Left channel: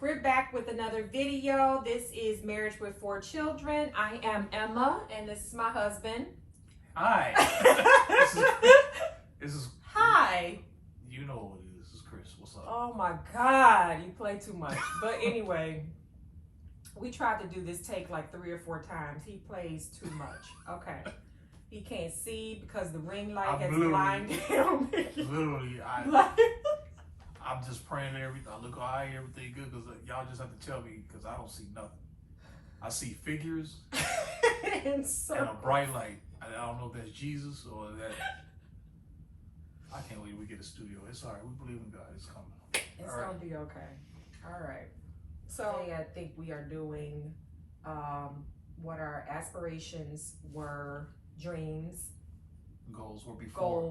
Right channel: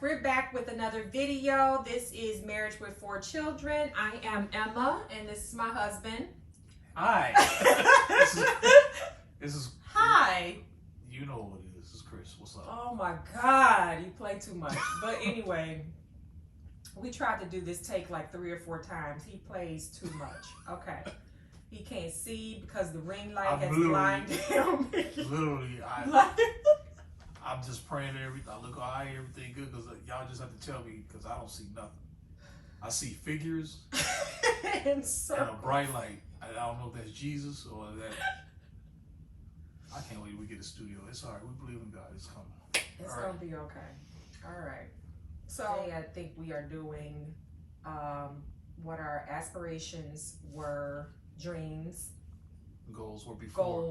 we're back with another video. This is Marriage with 4 Children. I am Emma, and this is my husband. Hi. this is Hi. You know what it is. This is Chris. What's up? Oh my God, you play too much. But anyway, we tried to do this take like 3 or 4 times. He plays too much. Okay. He can't see because the ring light has blinded him. Literally, I'm just praying everything. I look alright, everything good, because y'all just have to tell me, because I don't see nothing. I see figures and a bright light. I don't know if that's Jesus or that. I can't wait till we get a studio. It's all right. We believe in God. It's coming. It's gonna be okay. All right. So today I think we are doing what our aspirations were, dreams, goals were before.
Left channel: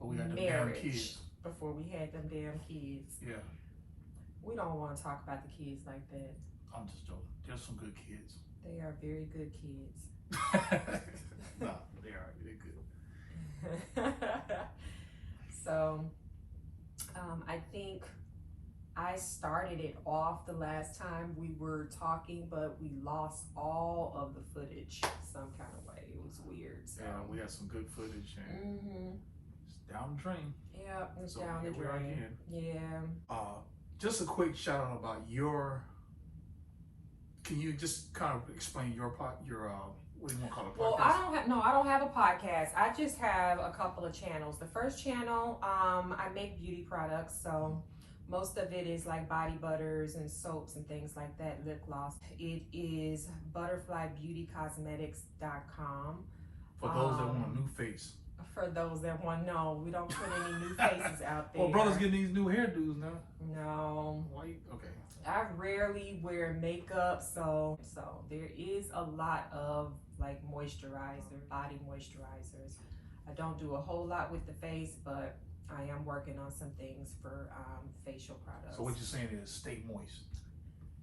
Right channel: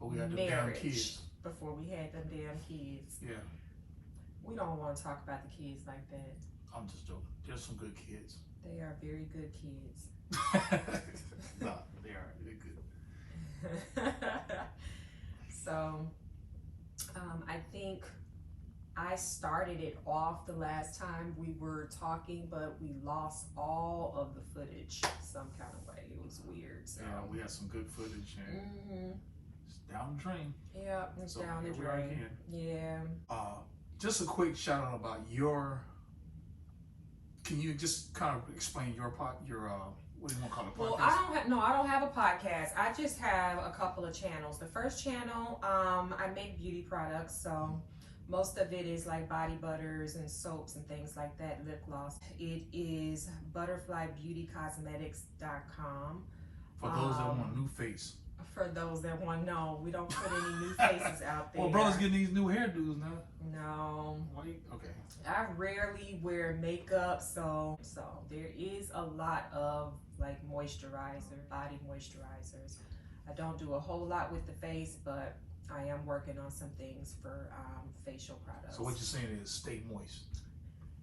But we had them damn kids. Before we had them damn kids. Yeah. We don't want to talk about the kids like that. I'm just joking. There's some good kids. They are very good kids. No, they are. They're good. So, I think I started it off the last time we were talking, but we lost all of the footage some kind of way. It was weird. So. Yeah, we had some good footage. And it's down the drain. Yeah, it's so down the drain. Yeah. Just a quick shout out about your. Can you just kind of explain your what do you want to call it? Well, I don't have a podcast. I just have a couple of channels. The first channel, I make beauty products, so most of it is like body butters and soaps and things like that, lip gloss. It is butterflybeautycosmetics.com. For those that want a new face. For those that want, no, we don't put any new faces out there. Well, brothers getting these new hairdos now. No. Why? Okay. I rarely wear makeup, so there is a lot of like moisturizer, body moisturizers. I don't do a whole lot with the face, but I am working on some things for facial products. So what you're saying is stay moist.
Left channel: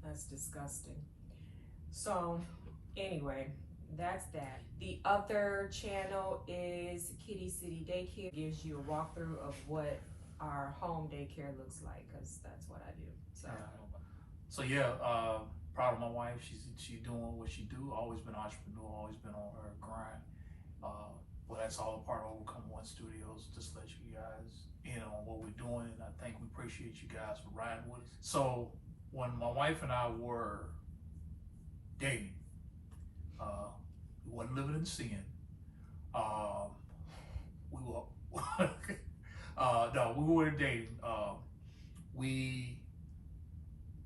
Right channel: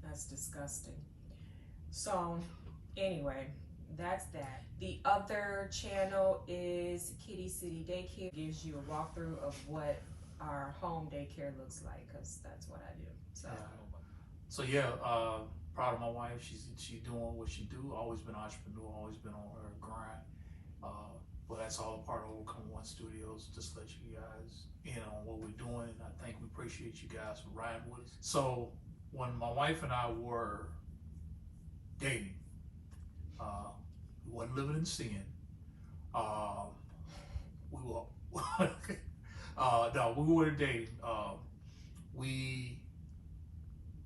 That's disgusting. So anyway, that's that. The other channel is Kitty City Daycare. It gives you a walkthrough of what our home daycare looks like, because that's what I do. So yeah, proud of my wife. She's doing what she do. Always been an entrepreneur. Always been on her grind. But that's all a part of Overcome One Studios. Just to let you guys in on what we're doing. And I think we appreciate you guys for riding with us. So when my wife and I were dating, we wasn't living in sin. We were no, we were dating.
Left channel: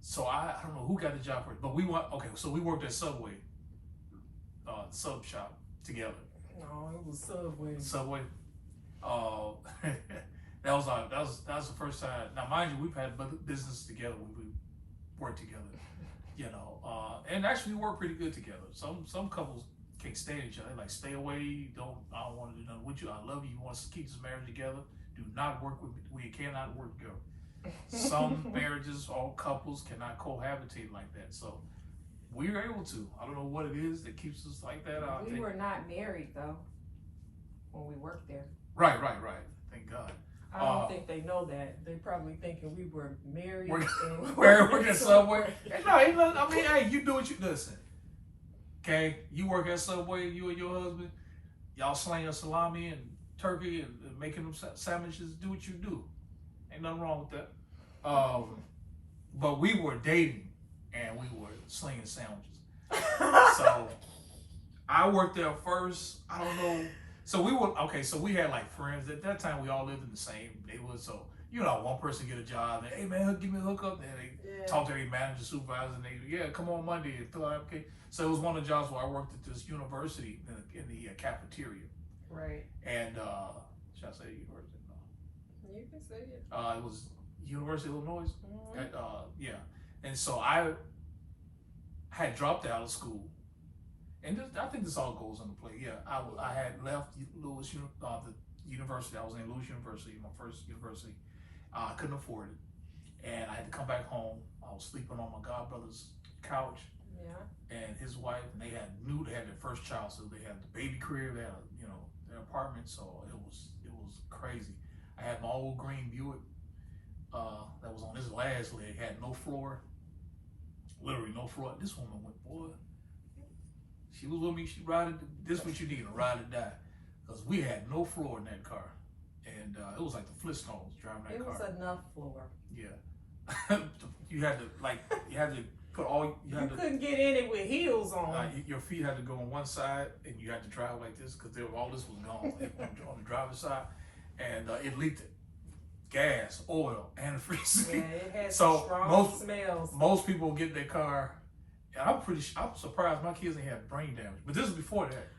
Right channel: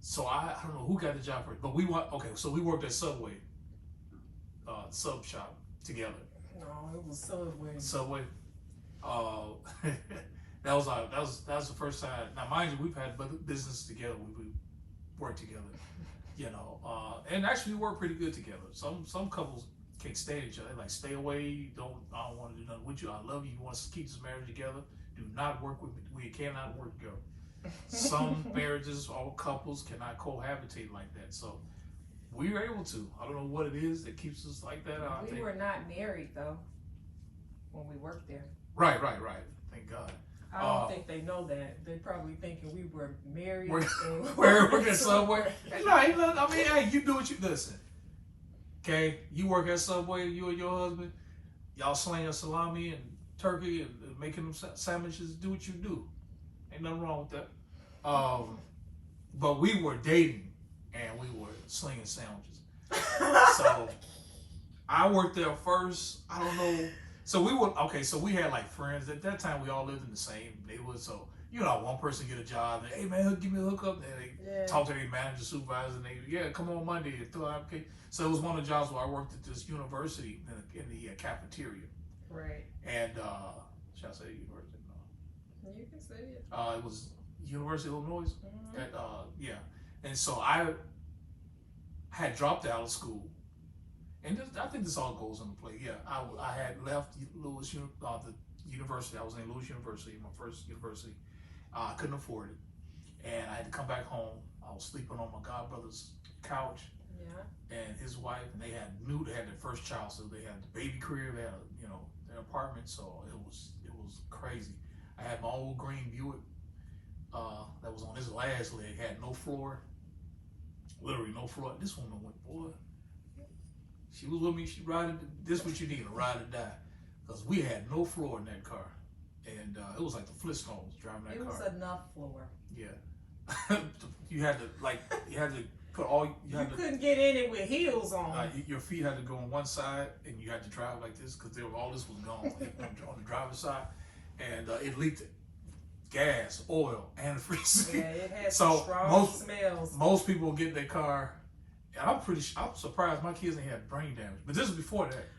So I don't know who got the job first, but we worked at Subway, sub shop together. No, it was Subway. Subway. That was the first time. Now, mind you, we've had business together. We worked together, and actually we work pretty good together. Some couples can't stand each other. They like, stay away. I don't want to do nothing with you. I love you. You want us to keep this marriage together. Do not work with me. We cannot work together. Some marriages, all couples cannot cohabitate like that. So we were able to. I don't know what it is that keeps us like that. We were not married though when we worked there. Right. Thank God. I don't think they know that. They're probably thinking we were married. We're working somewhere. No, I mean, hey, you do what you listen. Okay, you work at Subway. You and your husband, y'all slaying salami and turkey and making them sandwiches. Do what you do. Ain't nothing wrong with that. But we were dating and we were slinging sandwiches. So I worked there first. I don't know. So we had like friends. At that time, we all lived in the same neighborhood. So, one person get a job. And, hey, man, give me a hookup. And they talk to their manager, supervisor, and they, come on Monday. And fill out, okay. So it was one of the jobs where I worked at this university in the cafeteria. Right. And, should I say university? You can say it. It was University of Illinois. Mm-hmm. And so I had dropped out of school, and I think this all goes into play. Yeah, I had left Lewis, the university. I was in Lewis University, my first university. I couldn't afford it, and I had to come back home. I was sleeping on my godbrother's couch. Yeah. And his wife, and they had their first child, so they had the baby crib, they had their apartment. So it was crazy. I had my old green Buick that was on his last leg, had no floor, literally no floor. This woman went, boy, she was with me. She ride. This what you need, a ride or die, because we had no floor in that car, and it was like the Flintstones driving that car. It was enough floor. Yeah, you had to put all couldn't get in it with heels on. Your feet had to go on one side, and you had to drive like this because all this was gone on the driver's side, and it leaked gas, oil, antifreeze. Yeah, it had so strong smells. Most people get their car, and I'm surprised my kids ain't had brain damage. But this is before that.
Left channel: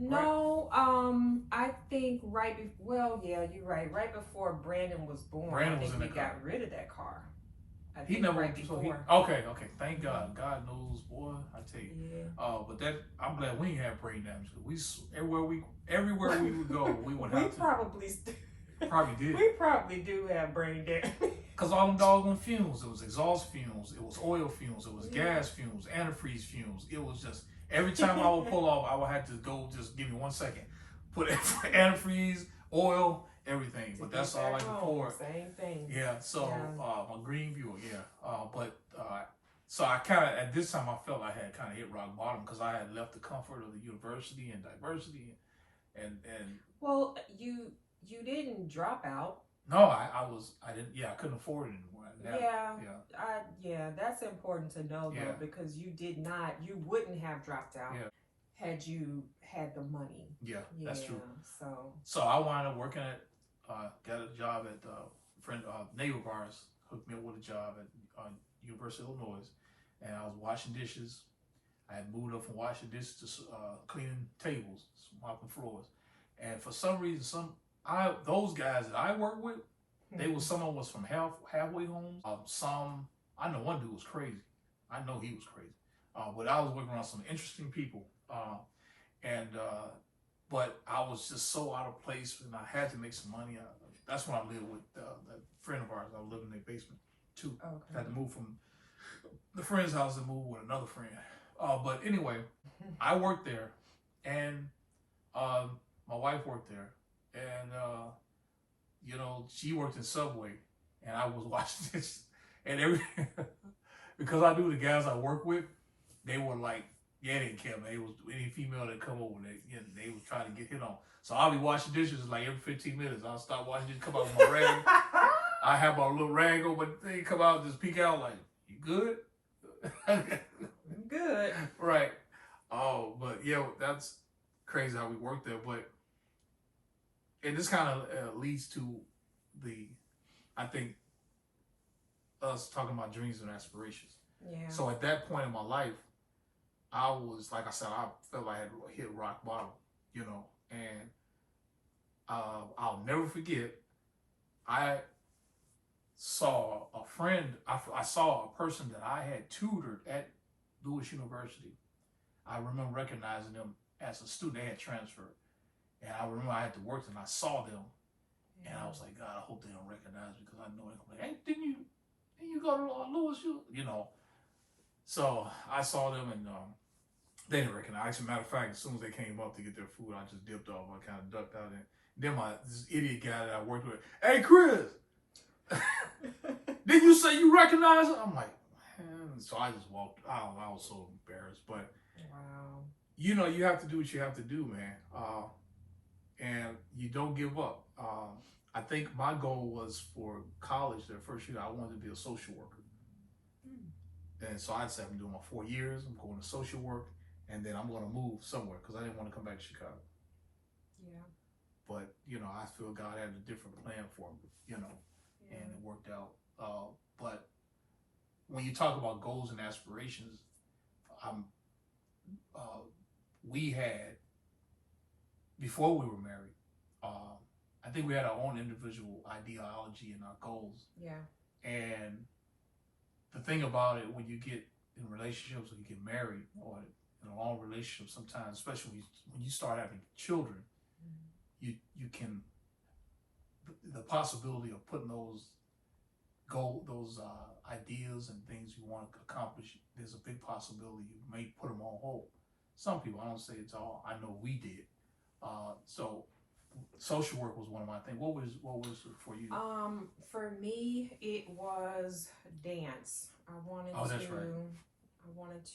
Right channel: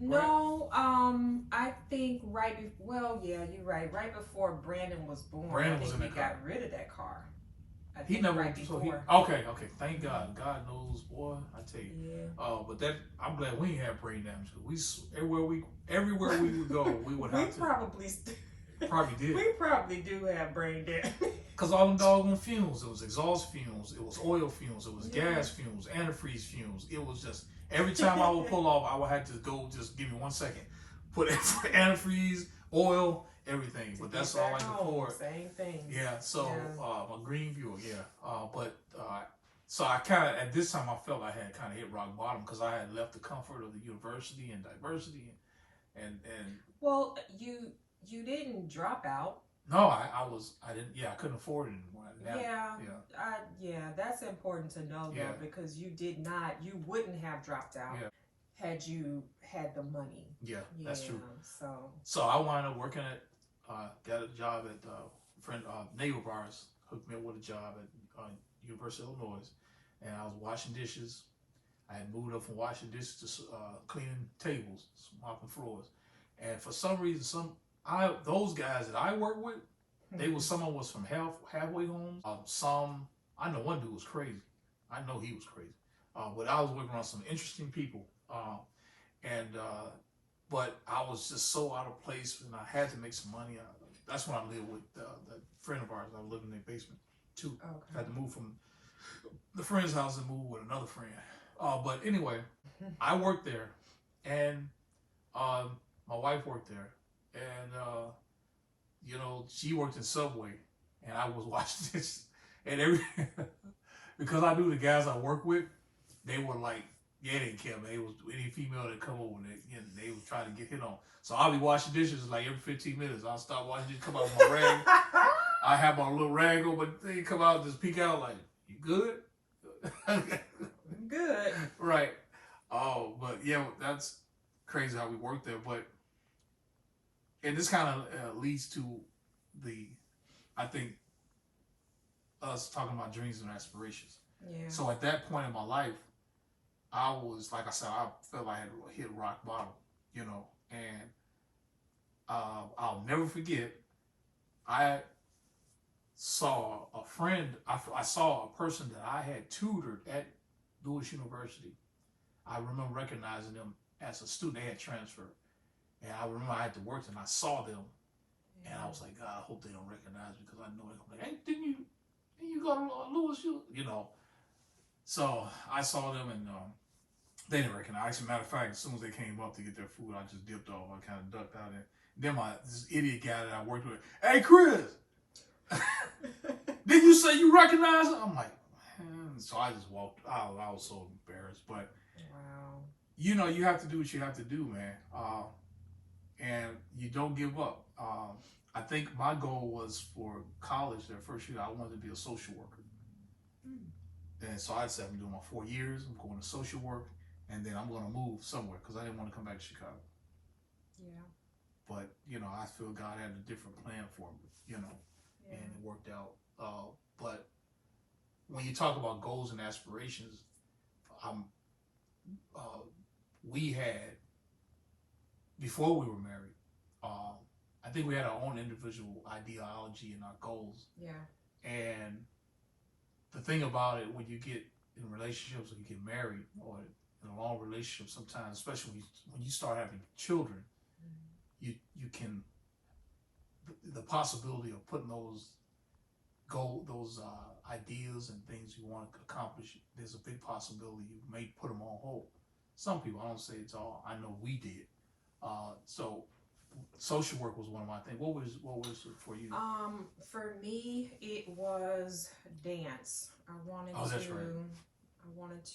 No, I think well, yeah, you're right. Right before Brandon was born, Brandon was I think in we the car. got rid of that car. He never. Right so before. Okay. Thank God. God knows, boy. I tell you. Yeah. But I'm glad we didn't have brain damage. Everywhere we would go, we would have to. Probably did. We probably do have brain damage. Cause all them doggone fumes. It was exhaust fumes. It was oil fumes. It was gas fumes. Antifreeze fumes. It was just every time I would pull off, I would have to go. Just give me 1 second. Put antifreeze, oil, everything. But that's all I could afford. Same thing. Yeah. So my green Buick. Yeah. So I kind of at this time I felt I had kind of hit rock bottom because I had left the comfort of the university and diversity, and. Well, you didn't drop out. No, I didn't. Yeah, I couldn't afford it anymore. Yeah, that's important to know though, because you wouldn't have dropped out had you had the money. Yeah, that's true. So I wound up working at, got a job at Naval Bars, hooked me up with a job at University of Illinois, and I was washing dishes. I had moved up from washing dishes to cleaning tables, mopping floors, and for some reason, those guys that I work with, someone was from halfway homes. I know one dude was crazy. I know he was crazy. But I was working on some interesting people. But I was just so out of place, and I had to make some money. That's when I lived with that friend of ours. I lived in their basement too. Okay. I had to move from the friend's house and move with another friend. But anyway, I worked there, and my wife worked there. And, she worked in Subway, and I was watching this, and because I knew the guys I worked with, they were like, they didn't care, man. It was any female that come over, they was trying to get hit on. So I'll be washing dishes like every 15 minutes. I'll stop washing dishes, come out with my rag. I have my little rag on, but they come out and just peek out like, you good? Good. Right. Oh, but yeah, that's crazy how we worked there, but. And this kind of leads to I think, us talking about dreams and aspirations. Yeah. So at that point in my life, I was, like I said, I felt I had hit rock bottom, and I'll never forget, I saw a friend, I saw a person that I had tutored at Lewis University. I remember recognizing them as a student. They had transferred. And I remember I had to work and I saw them, and I was like, God, I hope they don't recognize me because I know they're gonna be like, hey, didn't you go to Lewis? So I saw them and they didn't recognize. As a matter of fact, as soon as they came up to get their food, I just dipped off. I kind of ducked out there. Then this idiot guy that I worked with, hey Chris, did you say you recognize him? I'm like, man. So I just walked out. I was so embarrassed, but wow. You have to do what you have to do, man. And you don't give up. I think my goal was for college, that first year, I wanted to be a social worker. And so I said, I'm doing my 4 years, I'm going to social work, and then I'm going to move somewhere because I didn't want to come back to Chicago. Yeah. But, I feel God had a different plan for me, and it worked out. But when you talk about goals and aspirations, we had, before we were married, I think we had our own individual ideology and our goals. Yeah. And the thing about it, when you get in relationships, when you get married, or in a long relationship, sometimes, especially when you start having children, you can, the possibility of putting those ideas and things you want to accomplish, there's a big possibility you may put them on hold. Some people, I don't say it's all, I know we did. So social work was one of my things. What was it for you? For me, it was dance. I wanted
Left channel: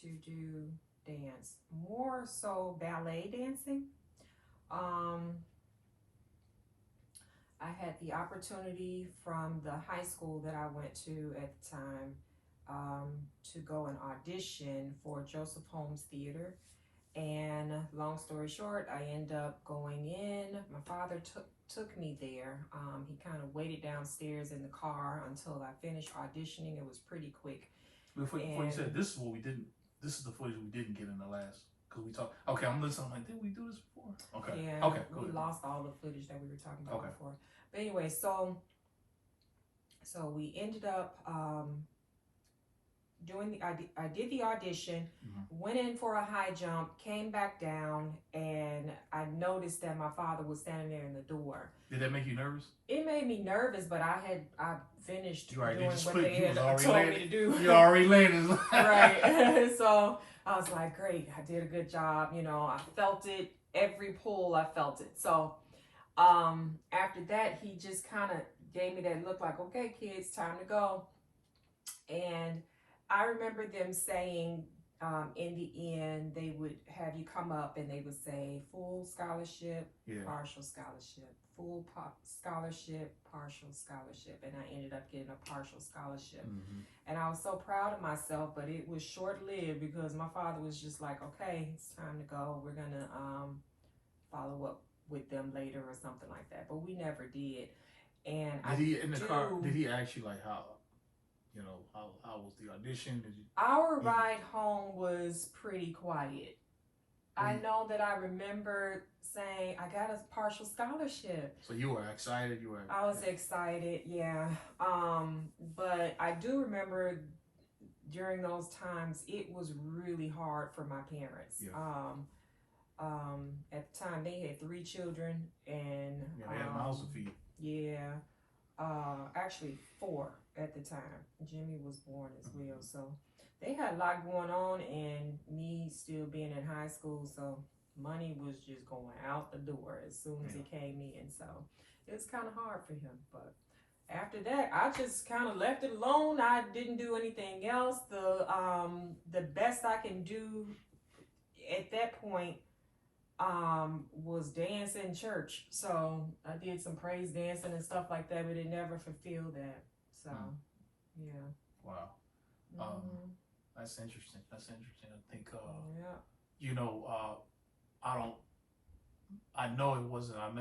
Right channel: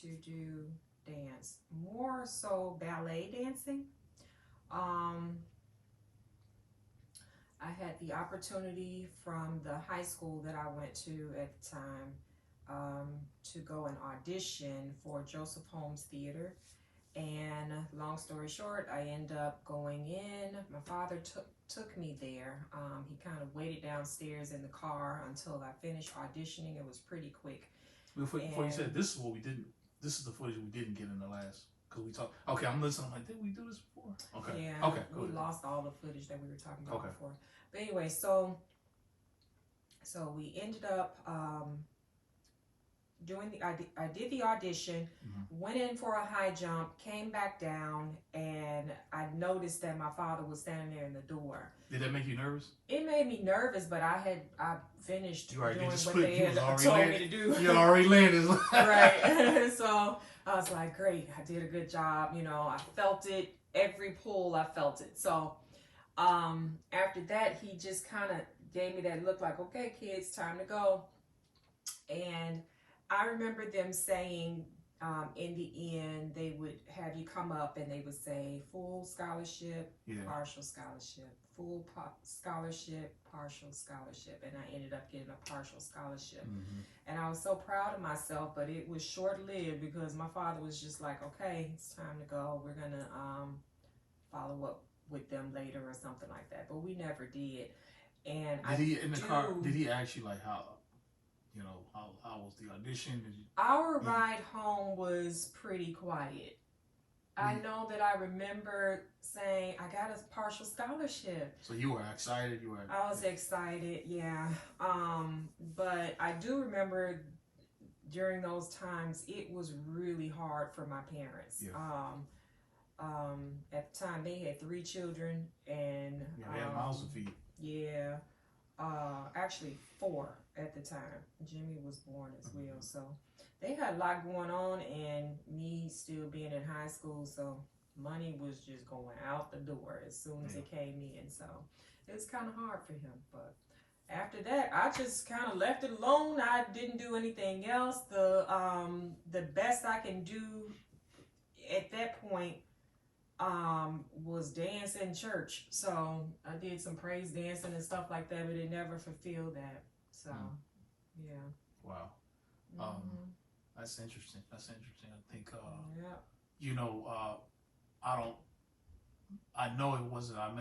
to do dance, more so ballet dancing. I had the opportunity from the high school that I went to at the time to go and audition for Joseph Holmes Theater. And long story short, I ended up going in. My father took me there. He kind of waited downstairs in the car until I finished auditioning. It was pretty quick. Before you said this is what we didn't. This is the footage we didn't get in the last, because we talked. Okay, I'm listening. I'm like, did we do this before? Okay. Yeah. Okay. We lost all the footage that we were talking about Okay. before. But anyway, so we ended up I did the audition, went in for a high jump, came back down, and I noticed that my father was standing there in the door. Did that make you nervous? It made me nervous, but I finished doing what you they had already told landed. me to do. You already landed. Right. So I was like, great, I did a good job. You know, I felt it. Every pull, I felt it. So after that, he just kind of gave me that look like, okay, kids, time to go. And I remember them saying in the end, they would have you come up and they would say full scholarship, partial scholarship, full scholarship, partial scholarship. And I ended up getting a partial scholarship. And I was so proud of myself, but it was short-lived because my father was just like, okay, it's time to go. We're going to follow up with them later or something like that. But we never did. And did he ask you like how? You know, how was the audition? Our ride home was pretty quiet. I know that I remember saying, I got a partial scholarship. So you were excited? I was excited, yeah. But I do remember during those times, it was really hard for my parents. Yeah. At the time, they had 3 children, and they had mouths to feed. Yeah. Actually 4 at the time. Jimmy was born as well, so they had a lot going on, and me still being in high school, so money was just going out the door as soon as it came in. So it was kind of hard for him, but after that, I just kind of left it alone. I didn't do anything else. The best I can do at that point was dance in church. So I did some praise dancing and stuff like that, but it never fulfilled that. So yeah. Wow. That's interesting. I think you know, I know it wasn't, I've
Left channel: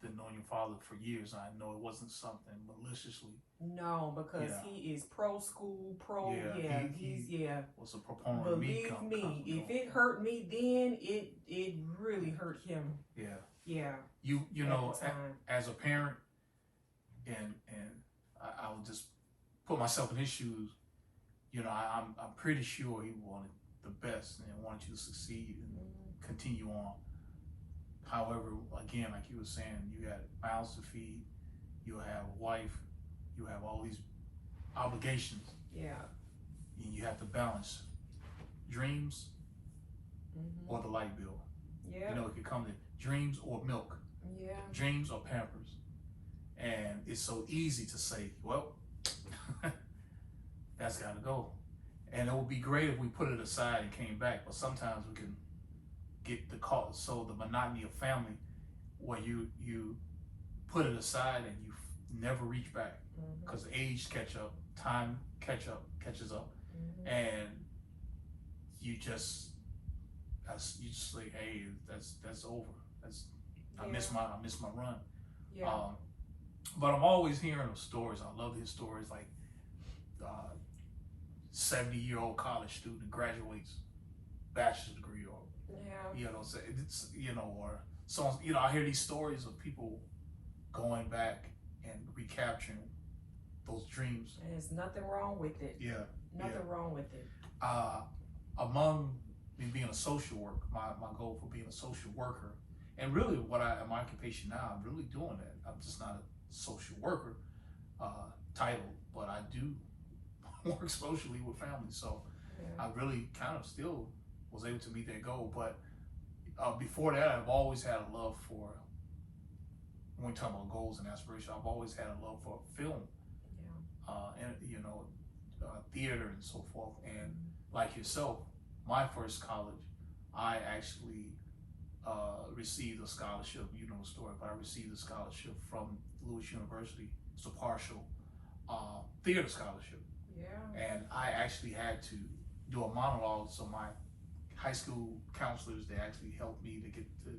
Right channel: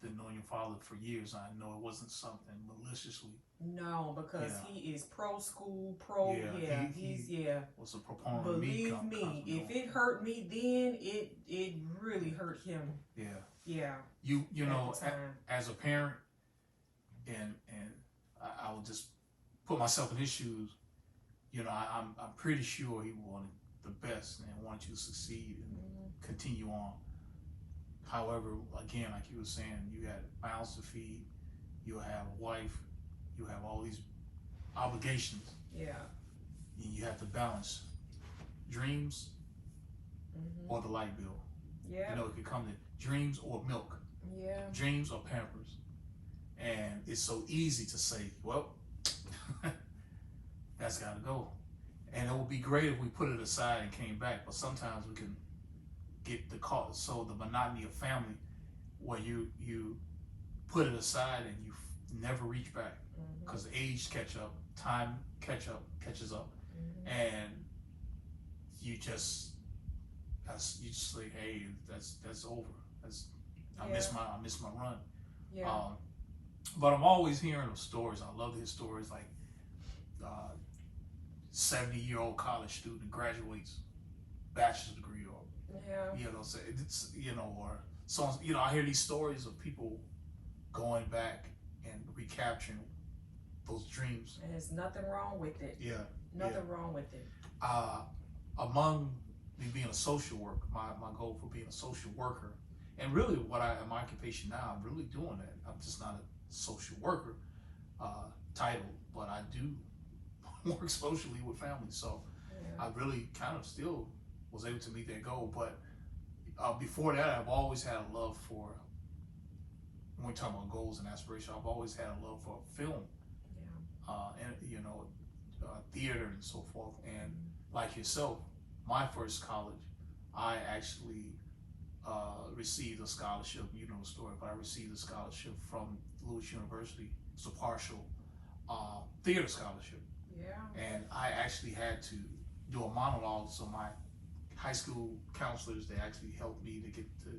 been knowing your father for years, and I know it wasn't something maliciously. No, because he is pro school, he's was a proponent of me. Believe me, if it hurt me then, it really hurt him. Yeah. You know, as a parent, and I would just put myself in his shoes. You know, I'm pretty sure he wanted the best and wanted you to succeed and continue on. However, again, like you were saying, you had mouths to feed, you have a wife, you have all these obligations. Yeah. And you have to balance dreams or the light bill. Yeah. You know, it could come to dreams or milk. Yeah. Dreams or Pampers. And it's so easy to say, well, that's gotta go. And it would be great if we put it aside and came back, but sometimes we can get the monotony of family where you put it aside and you never reach back because age time catches up, and you just say, hey, that's over. I miss my run. Yeah. But I'm always hearing of stories. I love his stories, like 70-year-old college student graduates, bachelor's degree, or or so. I hear these stories of people going back and recapturing those dreams. And there's nothing wrong with it. Yeah. Nothing wrong with it. Among me being a social worker, my goal for being a social worker, and really my occupation now, I'm really doing that. I'm just not a social worker title, but I do work socially with families. So I really kind of still was able to meet that goal. But before that, I've always had a love for when we talk about goals and aspirations, I've always had a love for film, and theater and so forth. And like yourself, my first college, I actually received a scholarship. You know the story, but I received a scholarship from Lewis University. It's a partial theater scholarship. Yeah. And I actually had to do a monologue, so my high school counselors, they actually helped me to get to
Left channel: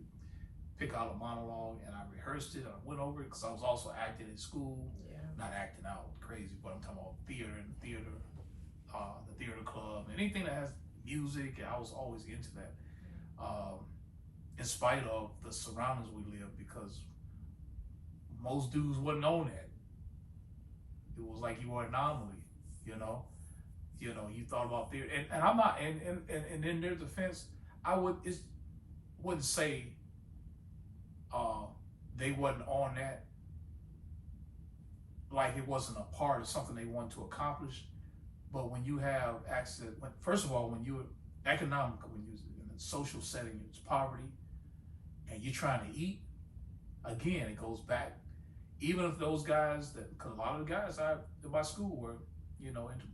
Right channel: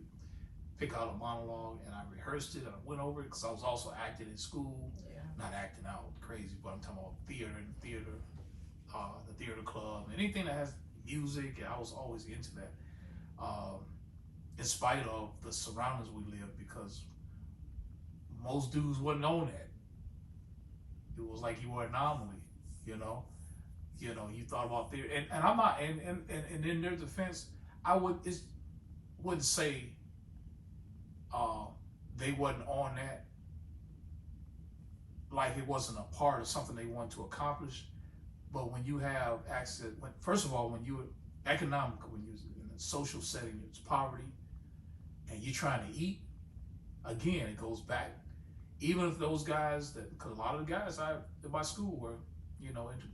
pick out a monologue, and I rehearsed it, and I went over it, because I was also acting in school. Yeah. Not acting out crazy, but I'm talking about theater and theater, the theater club, anything that has music, and I was always into that. In spite of the surroundings we lived, because most dudes wasn't on that. It was like you were an anomaly, you know. You thought about theater, and I'm not, and in their defense, I wouldn't say they wasn't on that, like it wasn't a part of something they wanted to accomplish. But when you have access, first of all, when you're economical, when you're in a social setting, it's poverty, and you're trying to eat, again, it goes back. Even if those guys because a lot of the guys in my school were, into,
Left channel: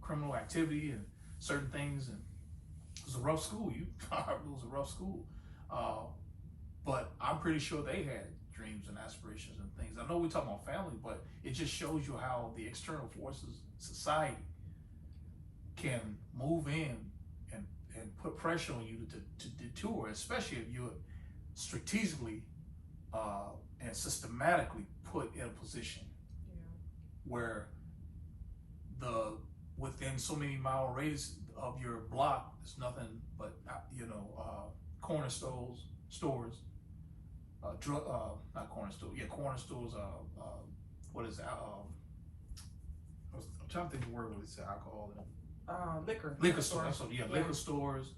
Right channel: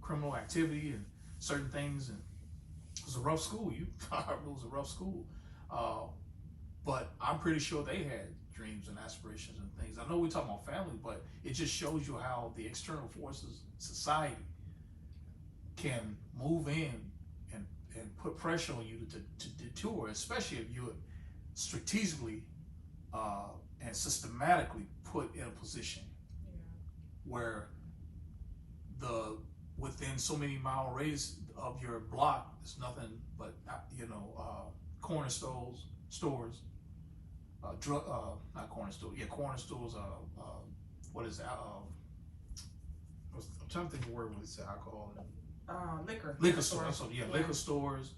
criminal activity and certain things, and it was a rough school. It was a rough school. But I'm pretty sure they had dreams and aspirations and things. I know we're talking about family, but it just shows you how the external forces, society, can move in and put pressure on you to detour, especially if you're strategically and systematically put in a position where within so many mile radius of your block, there's nothing but corner stores, not corner stores, corner stores. What is that? I'm trying to think of the word when it's alcohol. Liquor stores. So liquor stores,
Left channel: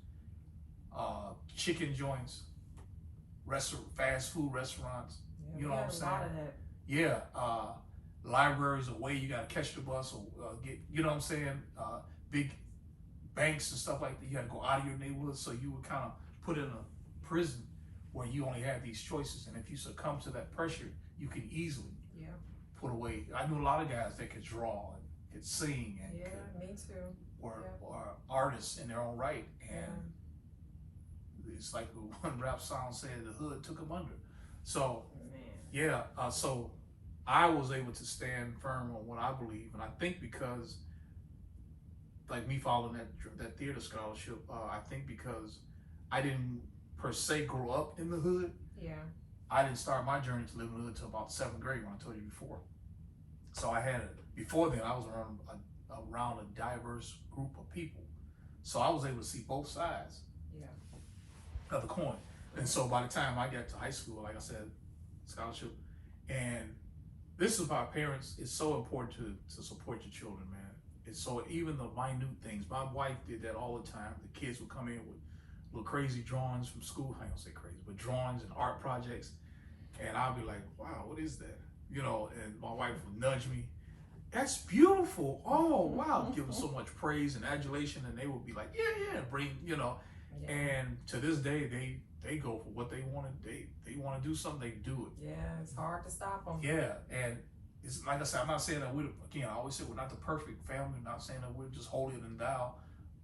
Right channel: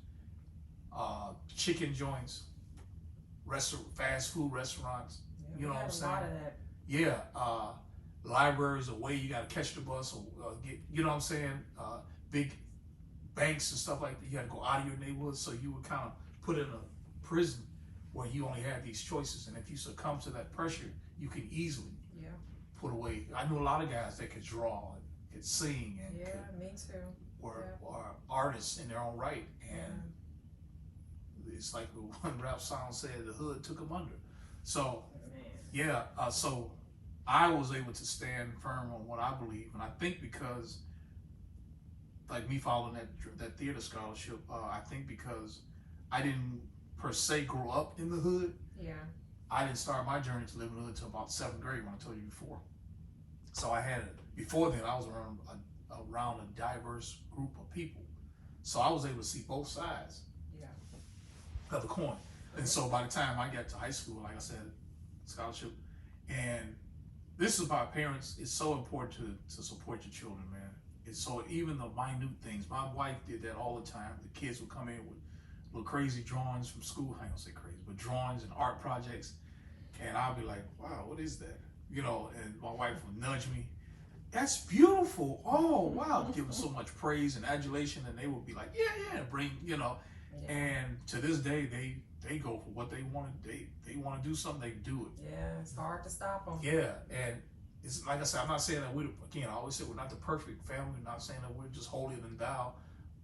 chicken joints, fast food restaurants. Yeah, you know what I'm saying? A lot of that. Yeah. Libraries away, you gotta catch the bus or get, you know what I'm saying? Big banks and stuff like that, you gotta go out of your neighborhood, so you would kind of put in a prison where you only had these choices, and if you succumb to that pressure, you can easily put away. I knew a lot of guys that could draw and could sing and me too. Or artists in their own right, and it's like the one rap song said, the hood took them under. So so I was able to stand firm on what I believe, and I think because, like me following that theater scholarship, I think because I didn't per se grow up in the hood. I didn't start my journey to live in the hood until about 7th grade, when I told you before. So before then, I was around a diverse group of people, so I was able to see both sides of the coin. And so by the time I got to high school, like I said, scholarship, and this is why parents, it's so important to support your children, man. It's so, even the minute things, my wife did that all the time. The kids would come in with little crazy drawings from school. I don't say crazy, but drawings and art projects. And I'll be like, wow, what is that? And my wife would nudge me. That's beautiful. Oh, wow. Give them so much praise and adulation. And they would be like, yeah, bring, And to this day, they go for what they want. They want to do something, they do it. Yeah, it's hard to stop them. Yeah, and it's like I said, I'm not saying that I always say we're not the perfect family. I'm not saying that we're just holier than thou,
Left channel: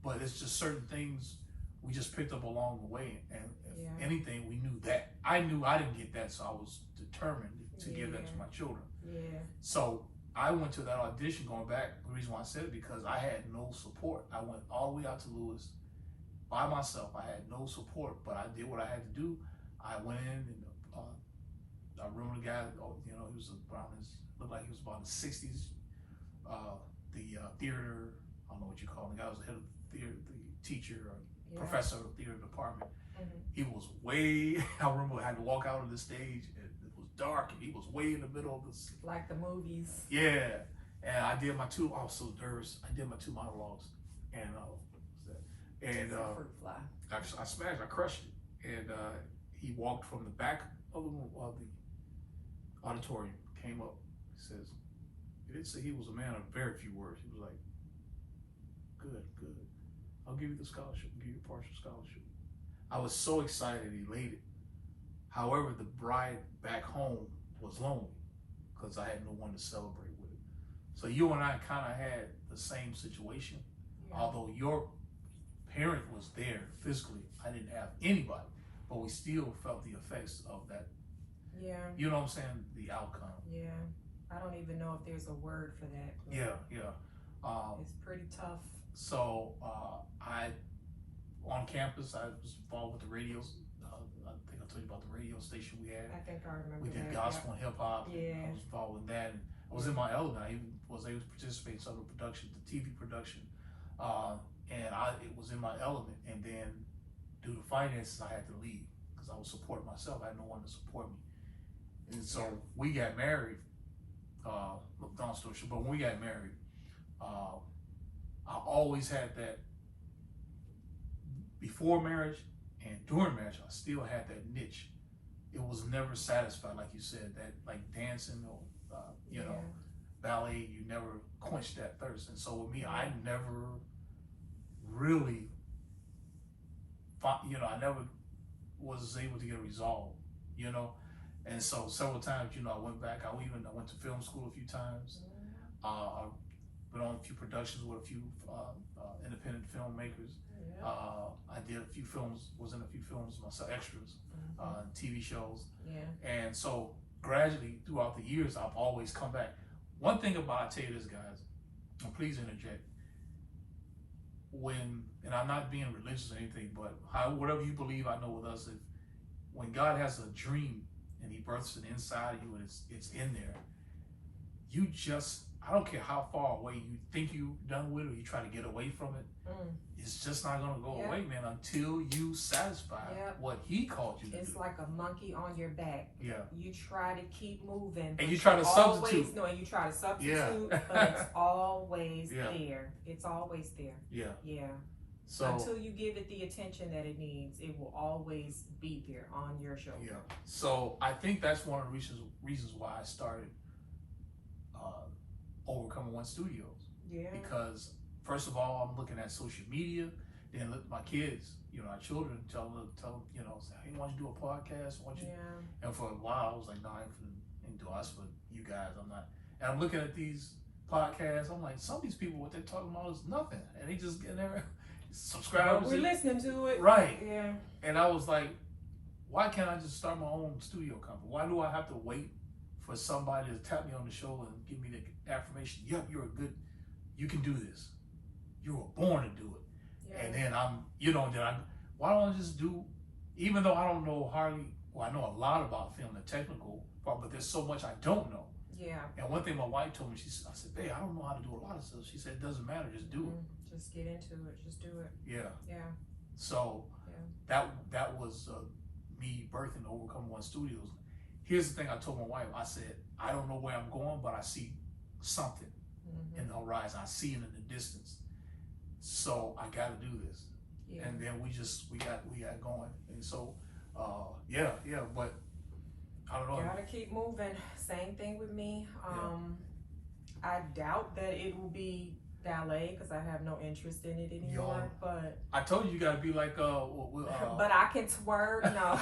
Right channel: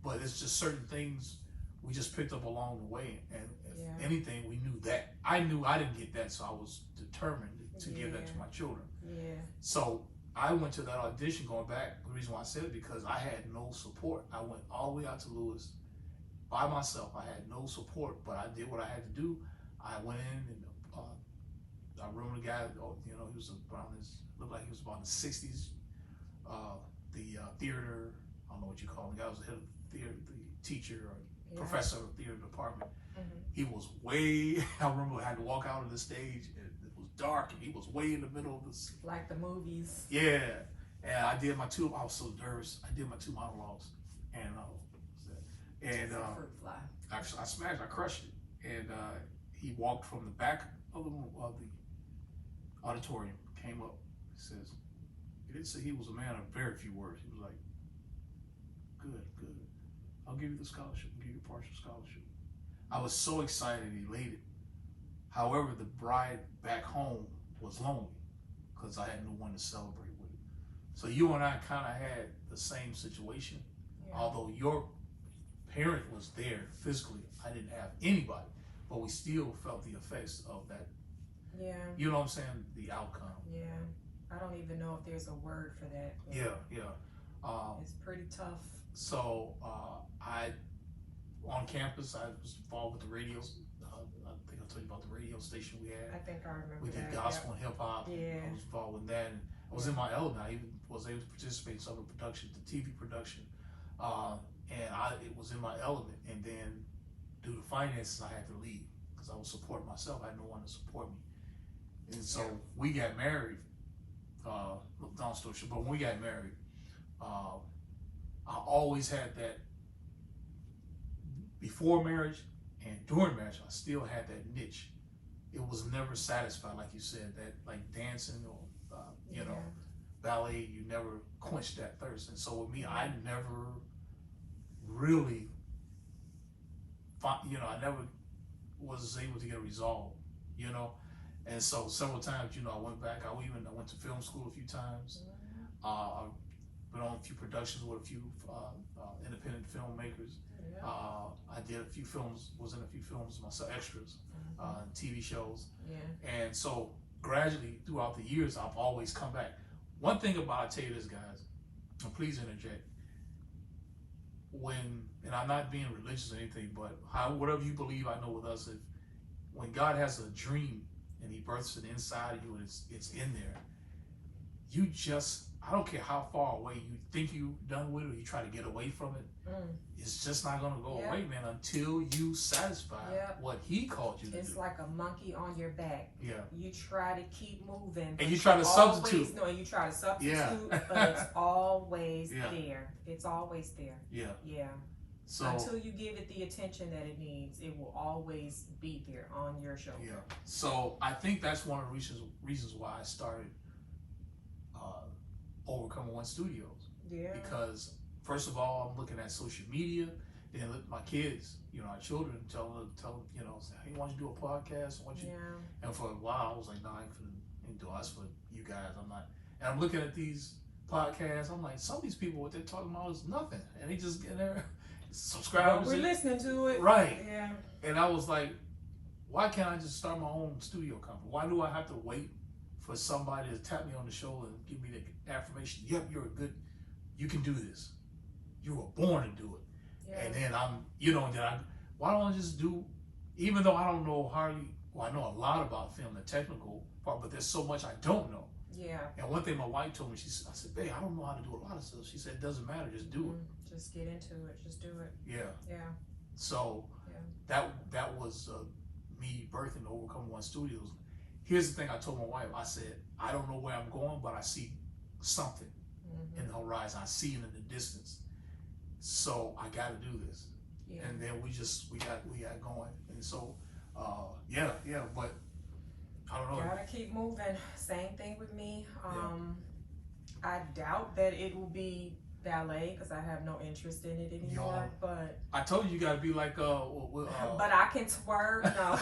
but it's just certain things we just picked up along the way. And if anything, we knew that. I knew I didn't get that, so I was determined to give that to my children. So I went to that audition, going back, the reason why I said it, because I had no support. I went all the way out to Lewis by myself. I had no support, but I did what I had to do. I went in and I remember the guy, he was looked like he was about in the 60s. The theater, I don't know what you call him, the guy was the head of the theater, the teacher or professor of the theater department. He was I remember I had to walk out on the stage, and it was dark, and he was way in the middle of this. Like the movies. Yeah, and I was so nervous, I did my 2 monologues, and I smashed, I crushed it, and he walked from the back of the auditorium, came up, he says, he didn't say he was a man of very few words, he was like, good, I'll give you the scholarship, I'll give you a partial scholarship. I was so excited, elated, However, the bride back home was lonely because I had no one to celebrate with. So you and I kind of had the same situation. Yeah. Although your parent was there physically, I didn't have anybody, but we still felt the effects of that. Yeah. You know what I'm saying? The outcome. Yeah. I don't even know if there's a word for that. Yeah. It's pretty tough. So I, on campus, I was involved with the radios. I think I told you about the radio station we had. I think I remember We did that. gospel and hip hop. Yeah. I was involved with that. And I was in my element. I even was able to participate in some of the production, the TV production. And it was in my element. And then due to finances, I had to leave because I was supporting myself. I had no one to support me. And so we got married. Long story short, but when we got married, I always had that before marriage and during marriage. I still had that niche. It was never satisfied, like you said, that like dancing or you know, ballet. You never quenched that thirst. And so with me, I never really, I never was able to get a resolve. You know. And so several times, I went back. I went to film school a few times. I went on a few productions with a few independent filmmakers. I did a few films, was in a few films myself, extras, TV shows. And so gradually throughout the years, I've always come back. One thing about, I tell you this, guys, and please interject. And I'm not being religious or anything, but whatever you believe, I know with us, when God has a dream, and he births it inside of you, and it's in there. I don't care how far away you think you're done with it, or you try to get away from it. It's just not gonna go away, man, until you satisfy what he called you to do. It's like a monkey on your back. Yeah. You try to keep moving. And you try to substitute. No, and you try to substitute, but it's always there. It's always there. Yeah. So until you give it the attention that it needs, it will always be there on your shoulder. Yeah. So I think that's one of the reasons why I started Overcoming One Studios. Yeah. Because first of all, I'm looking at social media, then look at my kids, our children, tell them, say, hey, why don't you do a podcast? And for a while I was like, no, I ain't do us for you guys. I'm not. And I'm looking at these podcasts, I'm like, some of these people, what they're talking about is nothing. And they just get there. Subscribers. We're listening to it. Right. Yeah. And I was like, why can't I just start my own studio company? Why do I have to wait for somebody to tap me on the shoulder and give me the affirmation? Yep, you can do this. You were born to do it. Yeah. And then why don't I just do, even though I don't know I know a lot about film, the technical part, but there's so much I don't know. Yeah. And one thing my wife told me, I said, babe, I don't know how to do a lot of stuff. She said, it doesn't matter, just do it. Just get into it. Just do it. Yeah. So that was me birthing Overcome One Studios. Here's the thing I told my wife. I said, I don't know where I'm going, but I see something in the horizon. I see it in the distance. So I got to do this. Yeah. And then we got going. And so, but I don't know. Gotta keep moving. Same thing with me. I doubt that it will be ballet because I have no interest in it anymore. But I told you gotta be like but I can twerk. No.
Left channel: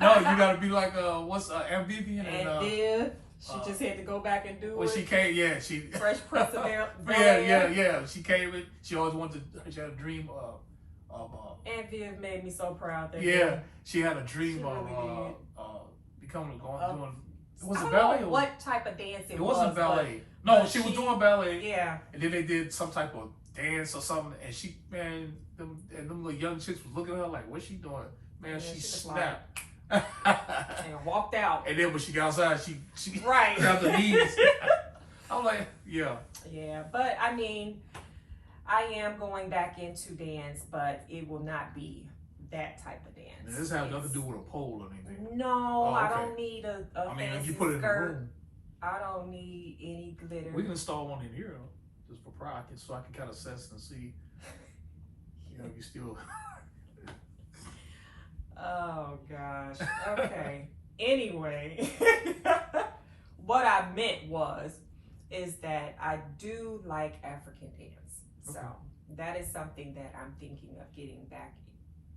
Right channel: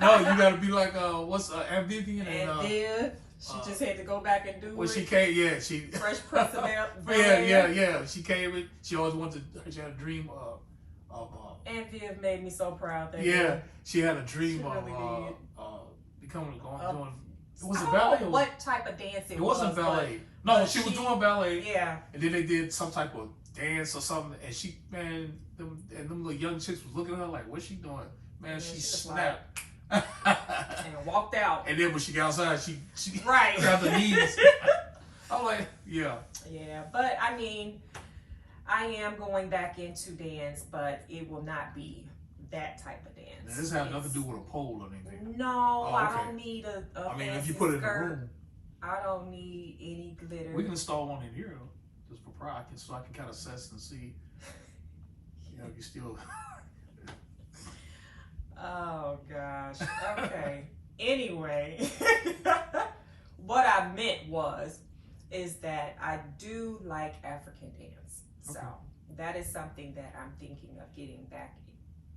No, you gotta be like what's Ambivian and Viv. She just had to go back and do it. She came, she Fresh Prince of Bel-Air. Yeah. She came in. She always wanted to. She had a dream of. Aunt Viv made me so proud. That she had a dream of becoming doing. It was a ballet. What type of dance it was? It wasn't ballet. No, she was doing ballet. Yeah. And then they did some type of dance or something. And them little young chicks was looking at her like, what's she doing? Man, she snapped. And walked out. And then when she got outside, she right. got the knees. I'm like, yeah. Yeah, but I mean, I am going back into dance, but it will not be that type of dance. Now, this has nothing to do with a pole or anything. No, okay. I don't need a I mean, fancy if you put it in the skirt. room. I don't need any glitter. We can install one in here, just for pride, so I can kind of assess and see, you still. Oh, gosh. Okay. Anyway, what I meant is that I do like African dance. So that is something that I'm thinking of getting back.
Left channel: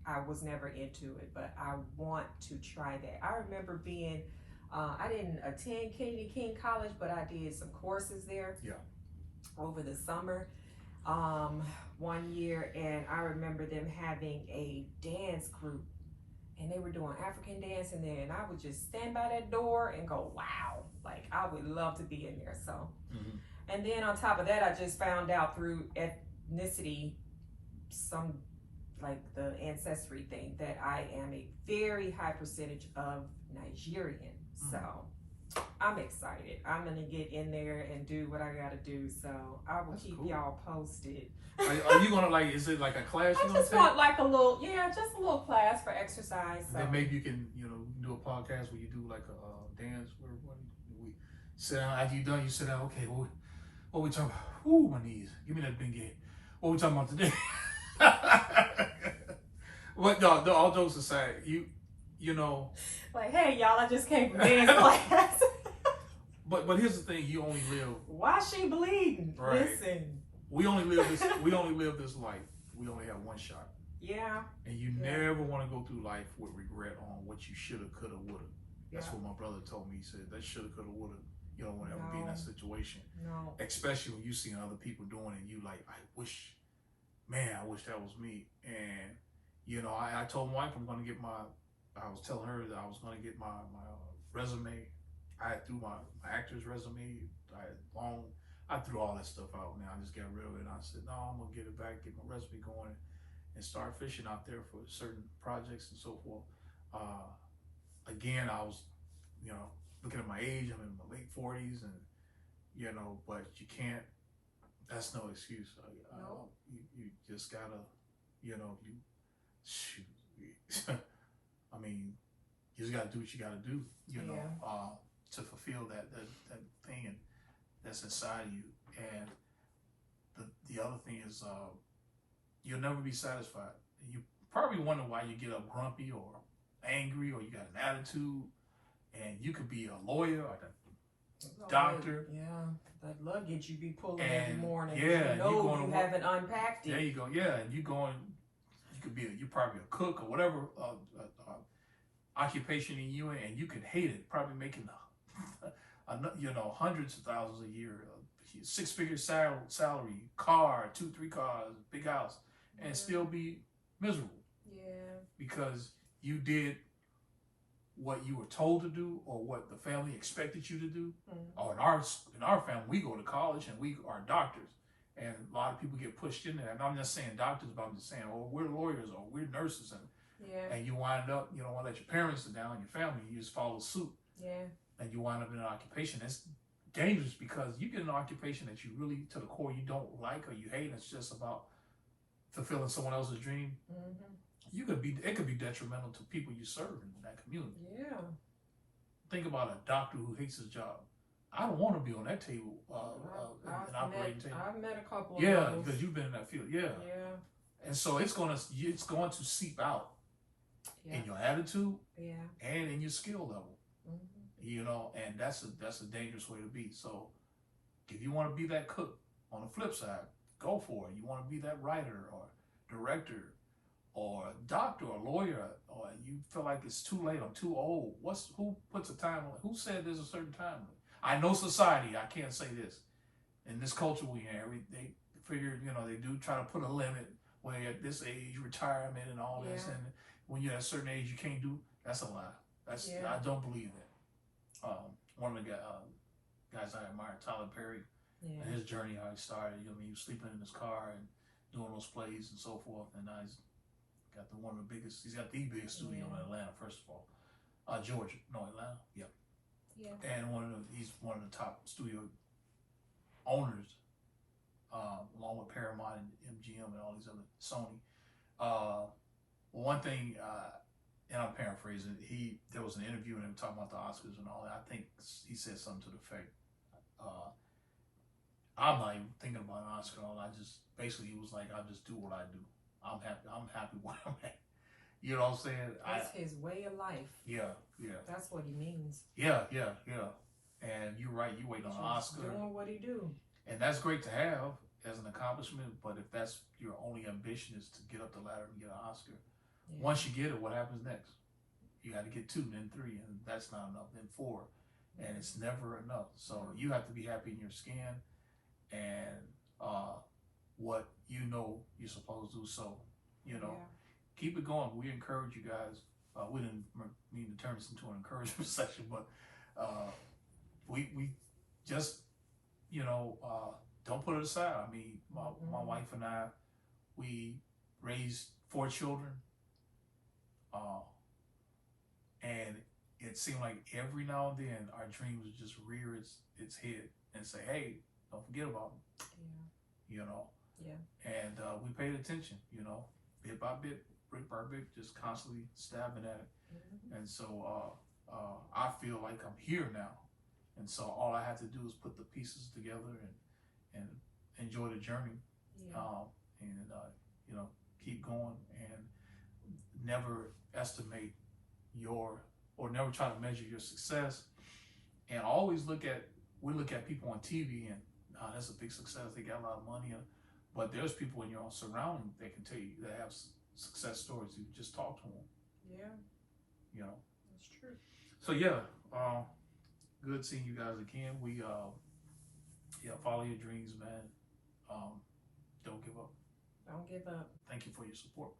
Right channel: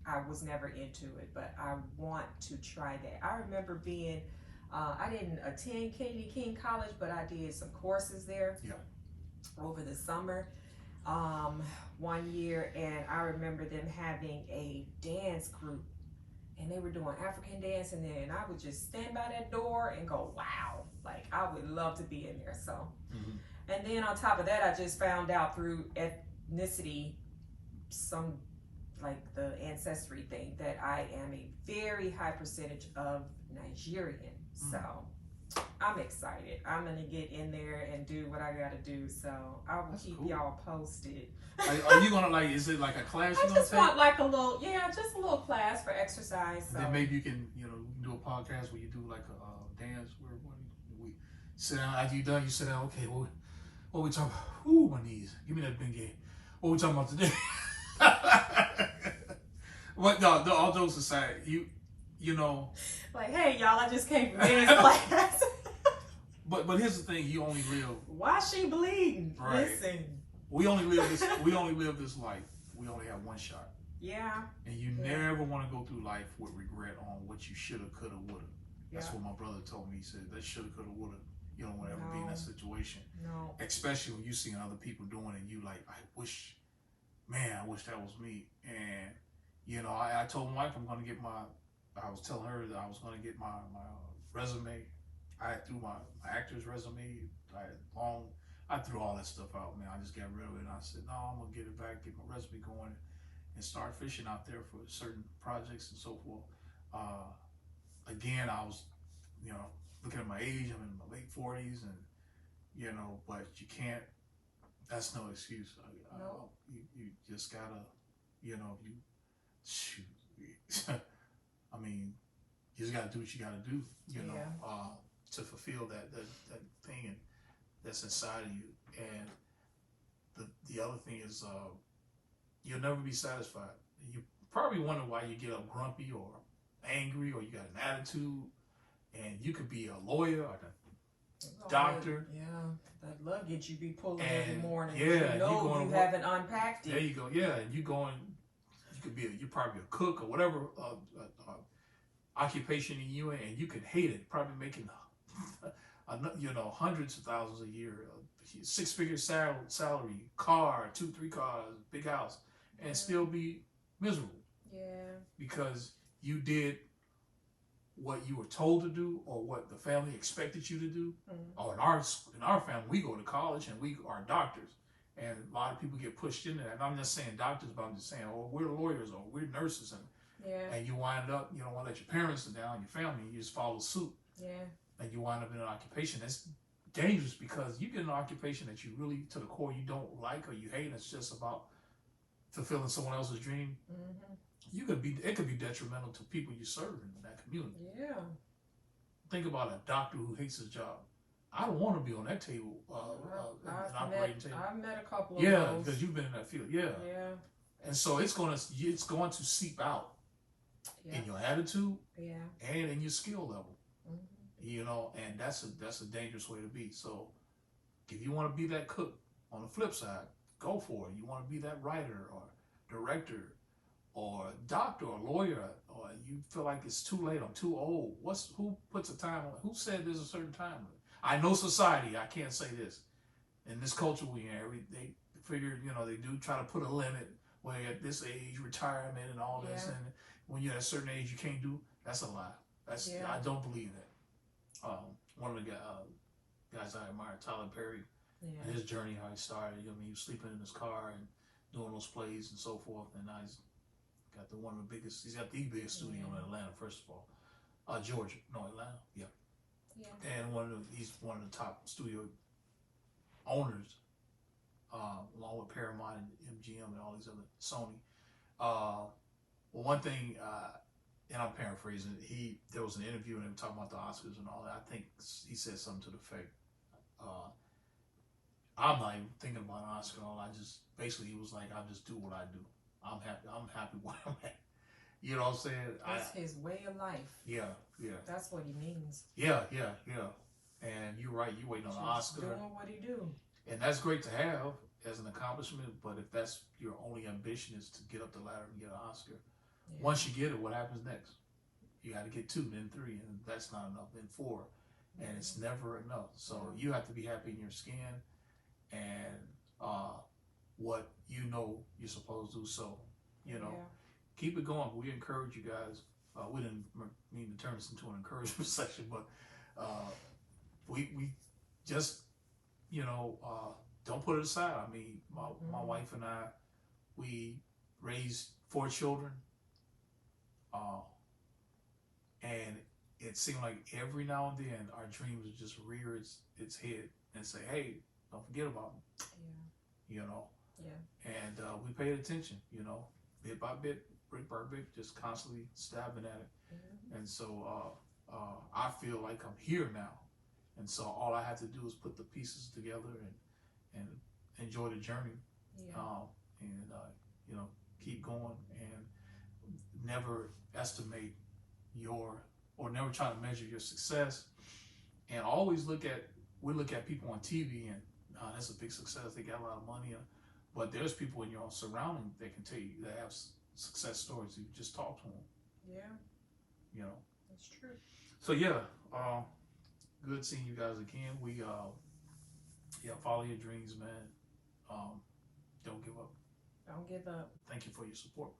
I was never into it, but I want to try that. I remember being, I didn't attend Kennedy King College, but I did some courses there. Yeah. Over the summer, one year, and I remember them having a dance group, and they were doing African dance in there, and I would just stand by that door and go, wow, like I would love to be in there. So, and then on top of that, I just found out through ethnicity, some like the ancestry thing, that I am a very high percentage of Nigerian. So I'm excited. I'm gonna get in there and do what I gotta do. So I will keep y'all posted. Are you gonna like? Is it like a class? I just want like a little, just a little class for exercise. So then maybe you can, do a podcast where you do like a dance where we sit down. After you done, you sit down. Okay, what we talking about? Ooh, my knees. Give me that big head. What we talking about today? But no, all jokes aside, you know. Like, hey y'all, I just came from dance class. But here's the thing: you only live. Why she bleeding? Right. Listen. We only live this. We only live this life. We only have one shot. Yeah. And you never want to go through life with regret on what you shoulda, coulda, woulda. That's what my brother told me. He said that shoulda, coulda, woulda. You don't want to ever be in that situation. No. Especially when you see other people doing it, and you like, I wish that was me. And I told my wife I was telling her that I was going to get my resume. I threw my actor's resume. I threw all that stuff out, man. I just got rid of it. And I said, no, I'm going to get it back, get my resume going, and start fishing out there for certain projects and so forth. Again, I was, looking at my age. I'm in my late 40s, and, but you can't, that's no excuse. No. You just got to, shoot. I mean, you just got to do what you got to do, to fulfill that thing and that's inside of you. And the other thing is, you'll never be satisfied. You probably wonder why you get up grumpy or angry or you got an attitude. And you could be a lawyer or a doctor. Yeah, that luggage you be pulling every morning. Yeah, you haven't unpacked it. There you go. Yeah, and you could be you're probably a cook or whatever occupation in you, and you could hate it. Probably making hundreds of thousands a year, 6-figure salary, car, 2-3 cars, big house, and still be miserable. Yeah. Because you did what you were told to do or what the family expected you to do. Or in our family, we go to college and we are doctors. And a lot of people get pushed into that. And I'm not saying doctors, but I'm just saying, we're lawyers or we're nurses. And you wind up, you don't want to let your parents down, your family, you just follow suit. Yeah. And you wind up in an occupation that's dangerous because you get an occupation that you really, to the core, you don't like or you hate. It's just about fulfilling someone else's dream. It could be detrimental to people you serve in that community. Yeah. Think about a doctor who hates his job. I don't want to be on that table, an operating table. I've met a couple of those. Yeah, because you've been in that field. Yeah. Yeah. And so it's going to seep out in your attitude and in your skill level. And that's a dangerous way to be. So if you want to be that cook, on the flip side, go for it. You want to be that writer or director or doctor or lawyer, or you feel like it's too late, I'm too old. Who puts a time on it? Who said there's a certain time limit? I know society, I can't say this. In this culture we in, they figure, they do try to put a limit where at this age, retirement and all this, and when you're at a certain age you can't do, that's a lie. I don't believe that. One of the guys I admire, Tyler Perry, and his journey, how he started, he was sleeping in his car and doing those plays and so forth, and now he's got he's got the biggest studio in Atlanta, first of all. Georgia, no, Atlanta, yeah. And he's one of the top studio owners, along with Paramount and MGM and all these other, Sony. One thing, and I'm paraphrasing, there was an interview and him talking about the Oscars and all that. I think he said something to the effect, I'm not even thinking about an Oscar and all. Basically he was like, I'll just do what I do. I'm happy where I'm at. You know what I'm saying? That's his way of life. Yeah. That's what he means. Yeah. And you're right, you waiting on an Oscar. Doing what he do. And that's great to have as an accomplishment, but if that's your only ambition is to get up the ladder and get an Oscar, Yeah. Once you get it, what happens next? You got to get 2, then 3, and that's not enough. Then 4, and it's never enough. So you have to be happy in your skin and what you know you're supposed to do. So keep it going. We encourage you guys. We didn't mean to turn this into an encouragement section, but we just don't put it aside. I mean, my wife and I, we raised 4 children, and it seemed like every now and then our dreams would just rear its head and say, "Hey, don't forget about me." And we paid attention, bit by bit, brick by brick, just constantly stabbing at it. And so I feel like I'm here now, and so all I have to do is put the pieces together and enjoy the journey, and keep going, and never estimate or never try to measure your success, and always look at people on TV and that's a big success. They got a lot of money, but there's people in your own surrounding that can tell you that have success stories. You just talk to them. Yeah. That's true. So good seeing you guys again. We follow your dreams, man. Don't give up. Don't give up. Thank you for your support.